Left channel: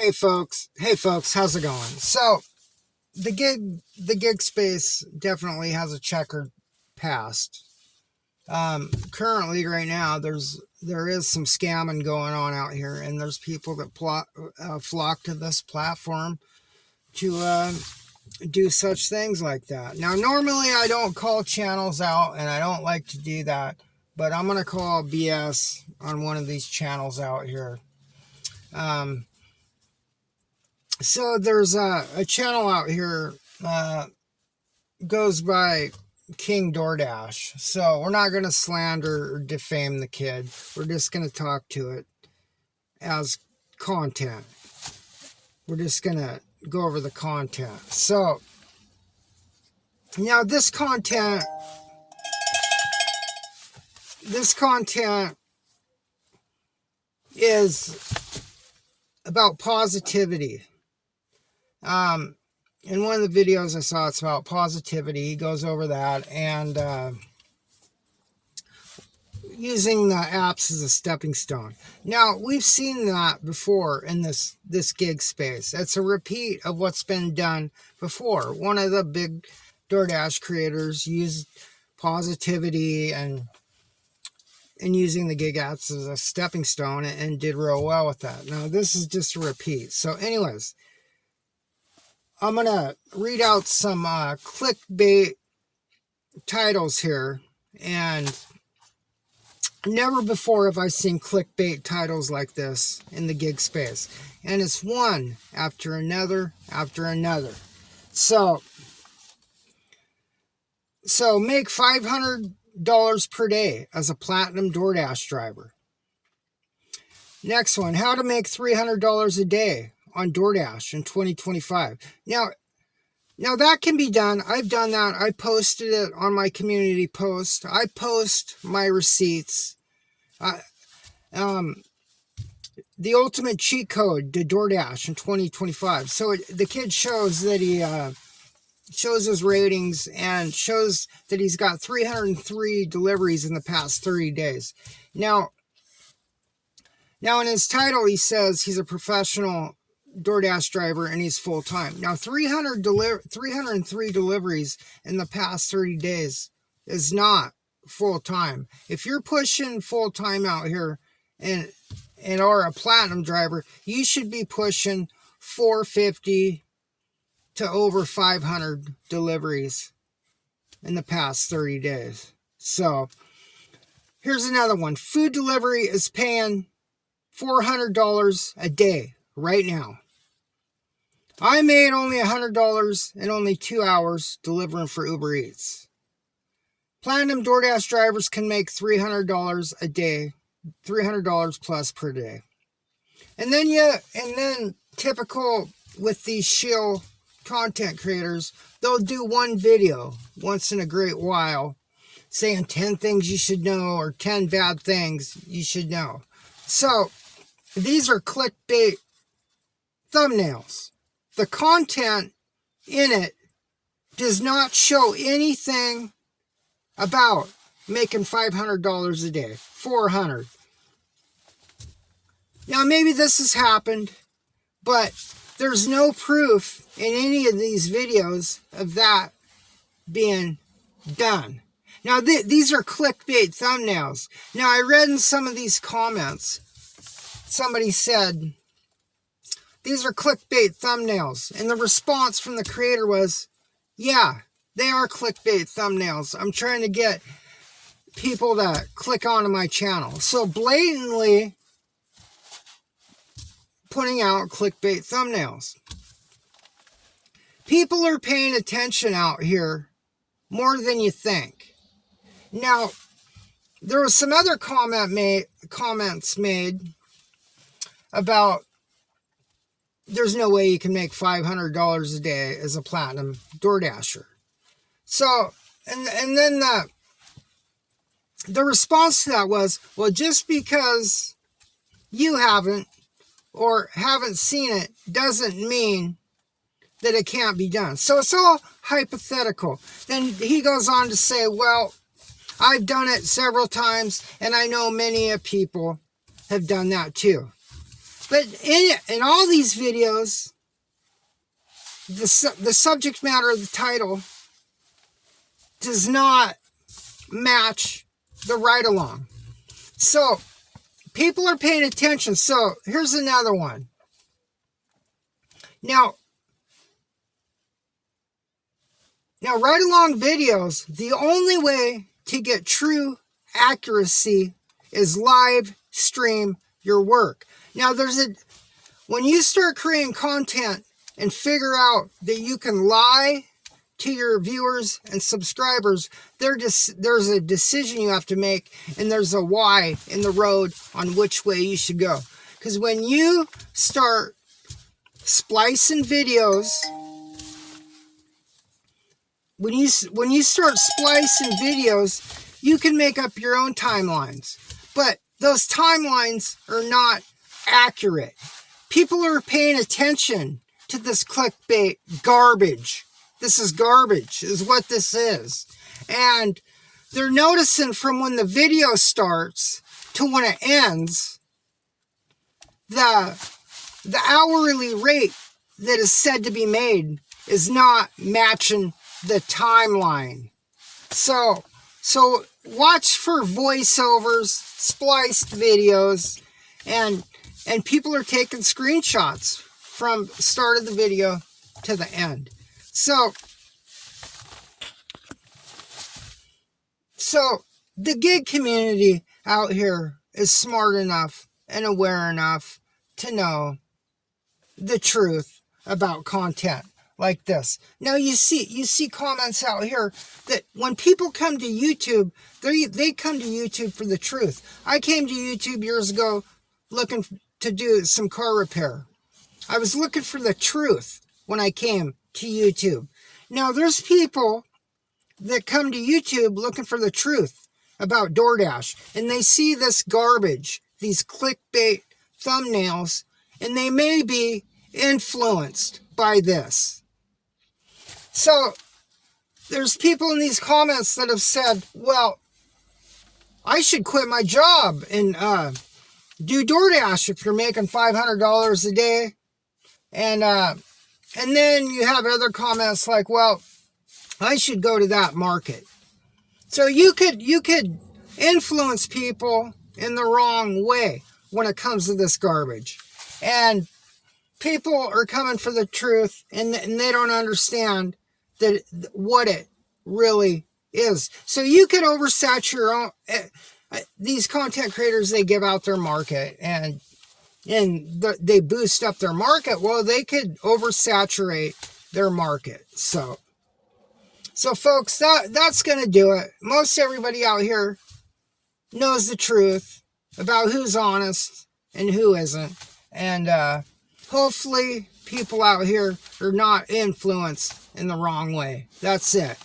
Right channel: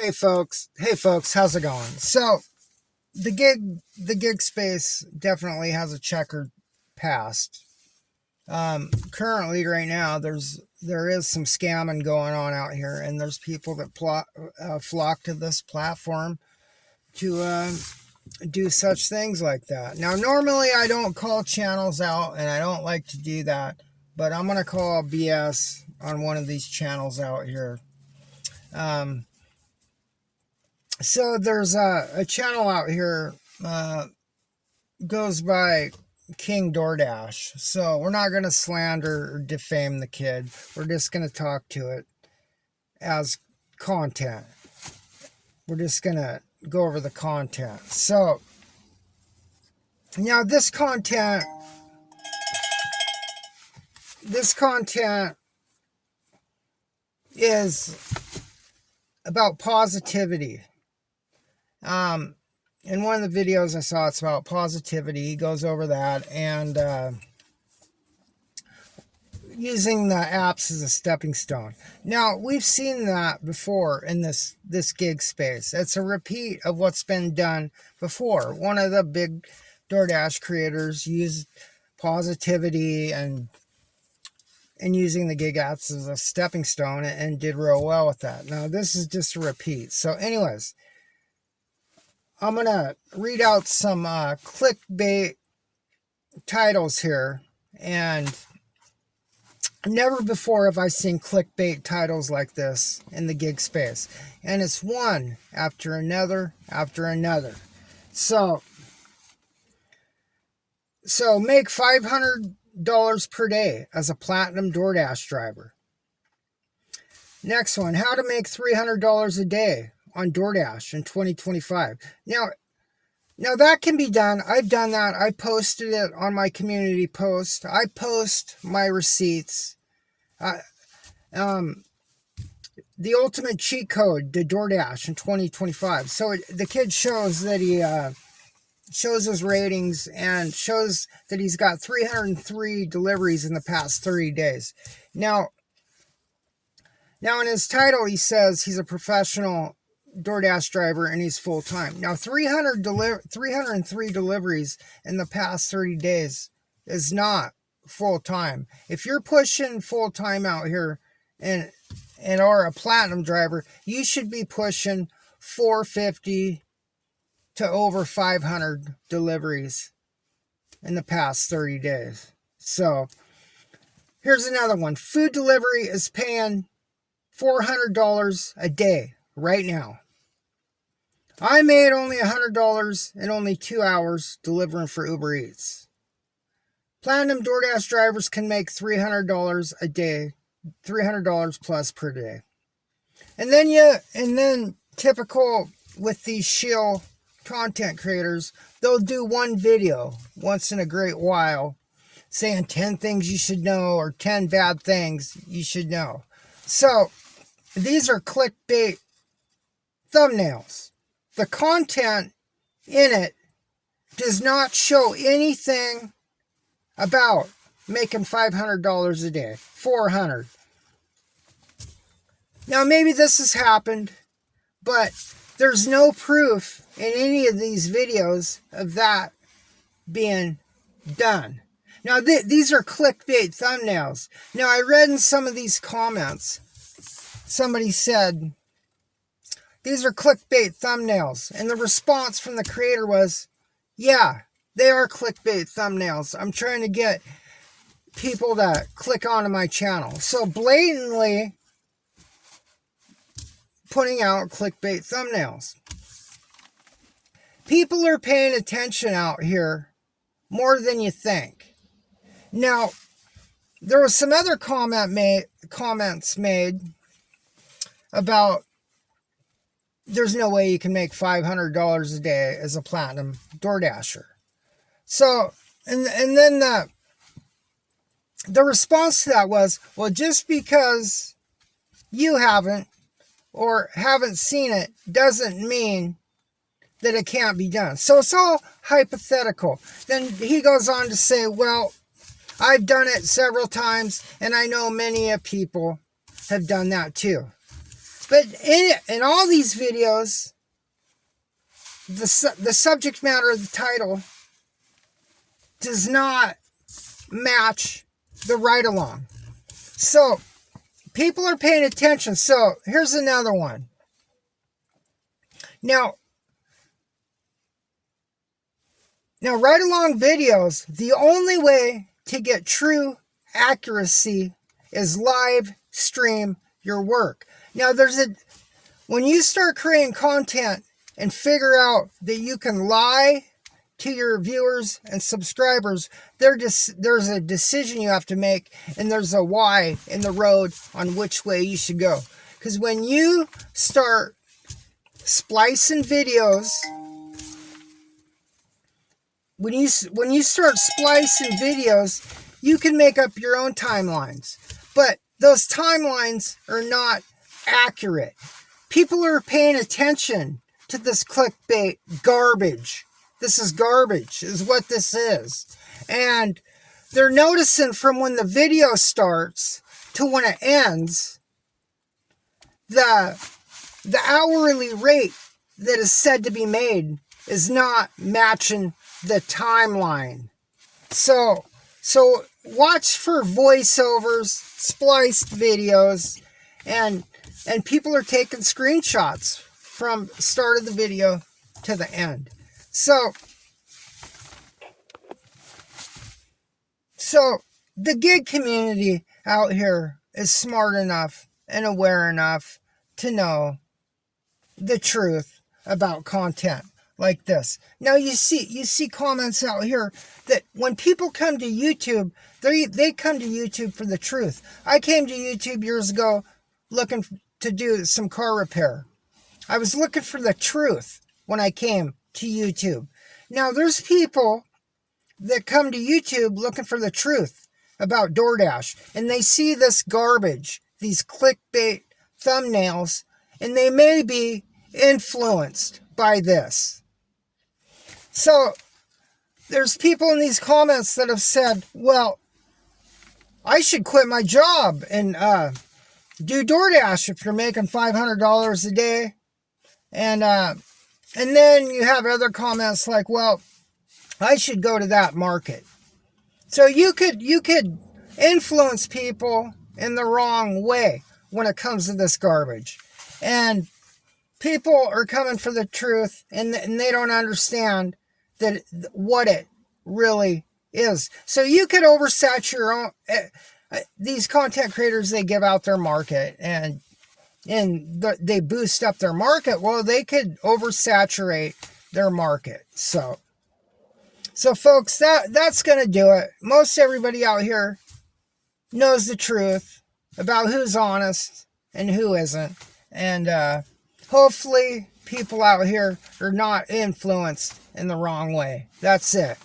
Hey folks, how's it going? So the gig space definitely has a checkered past. Currently right now there is some scamming going on out here, and there's people that flock to this platform to do such things like that. Now normally I don't call channels out, and I don't like to do that, but I'm gonna call BS on one of these channels out here. So there's a channel out here, goes by King DoorDash. So we're not going to slander or defame the kid. We're just going to talk to it as content. We're just going to go over the content. So now this content is about positivity. In one of the videos I saw, it's about positivity. He goes over that and using the apps as a stepping stone. Now, we've seen that before in this gig space. It's a repeat of what's been done before. One of the big DoorDash creators used positivity and using the gig apps as a stepping stone and did real well with that. Now, this is just a repeat. So anyways, I'm going to read out some clickbait titles here, and never before have I seen clickbait titles like this in the gig space. And it's one after another after another. So make $500 per day as a platinum DoorDash driver. Next one, how to make $300 a day on DoorDash in 2025. Now that can be done. I've done that. I posted it on my community post. I post my receipts. The ultimate cheat code to DoorDash in 2025. So the kid shows that he shows his ratings and shows that he's got 303 deliveries in the past 30 days. Now in his title, he says he's a professional DoorDash driver and he's full-time. Now 303 deliveries in the past 30 days is not full-time. If you're pushing full-time out here and are a platinum driver, you should be pushing 450 to over 500 deliveries in the past 30 days. So here's another one. Food delivery is paying $400 a day right now. I made only $100 in only 2 hours delivering for Uber Eats. Platinum DoorDash drivers can make $300 a day, $300 plus per day. And then typical with these shill content creators, they'll do one video once in a great while saying 10 things you should know or 10 bad things you should know. So these are clickbait thumbnails. The content in it does not show anything about making $500 a day, $400. Now, maybe this has happened, but there's no proof in any of these videos of that being done. Now, these are clickbait thumbnails. Now, I read in some of these comments, somebody said, these are clickbait thumbnails. And the response from the creator was, yeah, they are clickbait thumbnails. I'm trying to get people to click onto my channel. So blatantly putting out clickbait thumbnails. People are paying attention out here more than you think. Now, there was some other comments made about there's no way you can make $500 a day as a platinum DoorDasher. So, and then the response to that was, well, just because you haven't seen it doesn't mean that it can't be done. So it's all hypothetical. Then he goes on to say, well, I've done it several times and I know many people have done that too. But in all these videos, the subject matter of the title does not match the ride-along. So people are paying attention. So here's another one. Now ride-along videos, the only way to get true accuracy is live stream your work. Now when you start creating content and figure out that you can lie to your viewers and subscribers, there's a decision you have to make, and there's a why in the road on which way you should go. Because when you start splicing videos, when you start splicing videos, you can make up your own timelines, but those timelines are not accurate. People are paying attention to this clickbait garbage. This is garbage, is what this is. And they're noticing from when the video starts to when it ends, the hourly rate that is said to be made is not matching the timeline. So watch for voiceovers, spliced videos, and people are taking screenshots from the start of the video to the end. So the gig community out here is smart enough and aware enough to know the truth about content like this. Now you see comments out here that when people come to YouTube, they come to YouTube for the truth. I came to YouTube years ago looking to do some car repair. I was looking for the truth when I came to YouTube. Now there's people that come to YouTube looking for the truth about DoorDash, and they see this garbage, these clickbait thumbnails, and they may be influenced by this. So there's people in these comments that have said, well, I should quit my job and do DoorDash if you're making $500 a day. And then you have other comments like, well, I should go to that market. So you could influence people in the wrong way when it comes to this garbage. And people are coming for the truth, and they don't understand that what it really is. So you could oversaturate your own. These content creators, they give out their market and they boost up their market. Well, they could oversaturate their market. So folks, that's going to do it. Most everybody out here knows the truth about who's honest and who isn't. And hopefully people out here are not influenced in the wrong way. That's it.